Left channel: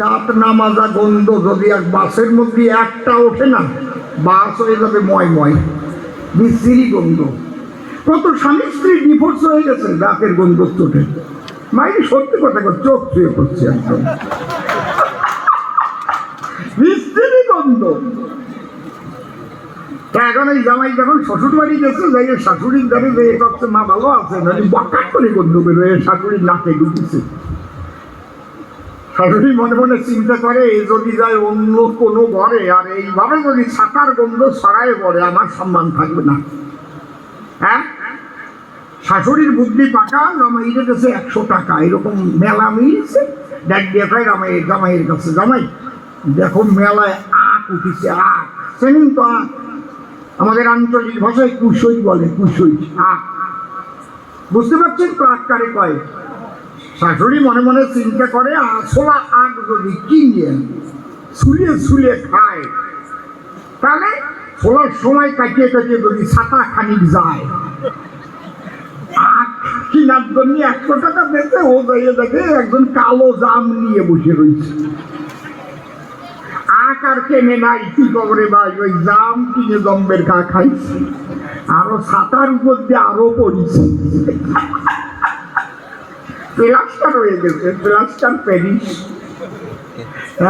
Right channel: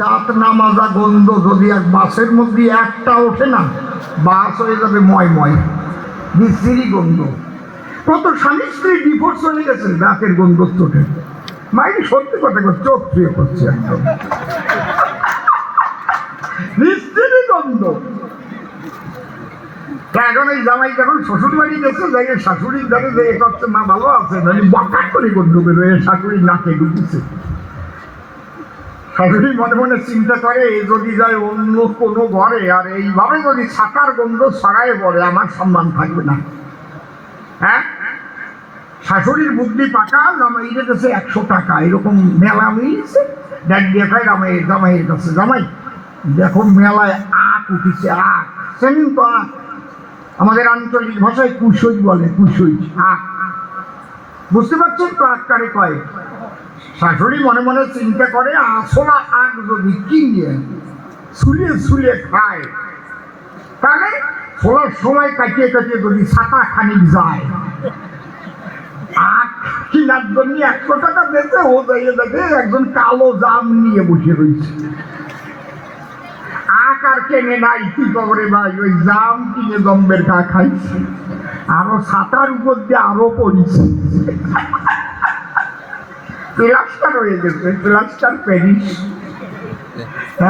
দাঁত নামাজা গন্ধ যদি এক বাসের মধ্যে একটা ওঠে না, বাস হয়ে যাবে ময় ময়, বিশ্রী গন্ধ। কত স্বামী স্ত্রী ডিভোর্স হয়ে গেছে দাঁতের গন্ধ চোখে। মাইনি সত্যি কথা, চোখ ছুঁয়ে করছে একদম বিশ্রী গন্ধ। তা এখন এই জামাই যখন শ্বশুর বাড়ি গেছে, যাই শাশুড়ির ঘরে যে করছে মা ভালো আছে, বকা করে গন্ধ বেরোয় শাশুড়ির নাকে ঢুকেছে। শাশুড়ি মনে মনে চিন্তা করে, এই যদি যায় অন্য কোনো ঘরে আর এইভাবে যদি ছাতার গন্ধ ছড়ায় পড়ে, আমার সম্মান থাকবে না। হ্যাঁ, শাশুড়ির বুদ্ধি পাকা, জামাইয়ের কাছে 100 টাকা এরকম মেলা মিলছে। দেখ দিয়ে কয় জামাইয়ের কাছে, জামাই দেখো মেলায় আখ উঠিছে, আখ চেনেন তো, আখ আমাদের আঞ্চলিক ভাষায় কুশই বলে, কুশই আখ, বুঝতে পারছেন তো আখ কারে কয়। শাশুড়ি মনে মনে চিন্তা করে, আসলা আখ যদি কিনে ছুলিয়ে ছুলিয়ে খায়, তাহলে ছোলার সময় কাটিয়ে কাটিয়ে যদি ছাতা খানিক যায়, আখ কিনার জন্য 100 টাকা দিতে, ও যাইয়ে দেখে একজন কালো জাম নিয়ে বসে রয়েছে। আখ আর কেনে নাই, কি খবরে ভাই, ওই জাম কিনে জম্বের খা খাইছে, আরো ছাতার উপর দিয়ে আরো পড়িছে, প্লাস্টার হয়ে গেছে, প্লাস্টার প্যারিস।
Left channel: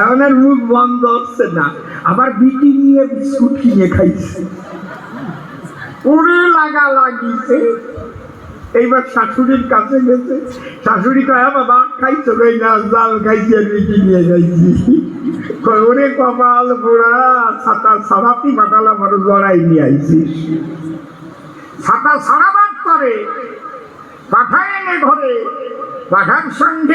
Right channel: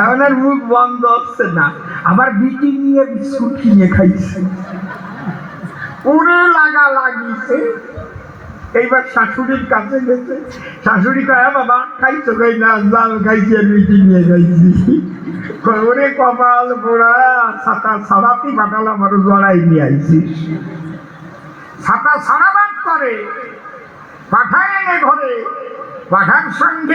এখন আর মুখ বন্ধ হচ্ছে না, আবার বিটি নিয়ে বিস্কুট কিনে খাইছে, পুরে লাগা লাগিয়েছে। এইবার শাশুড়ির কাছে গেছে, শাশুড়ি কয় বাবা খাইছো, গাই না জাল খাইছি আর বিটি নিয়ে খাইছি। ওরে কপাল পোড়া, ছাতা ছাড়াতি পাঠালাম আর জড়াই নিয়ে আইছিস। ছাতা ছাড়াবার পরে পাঠায় এনে ঘরে, পাঠার সঙ্গে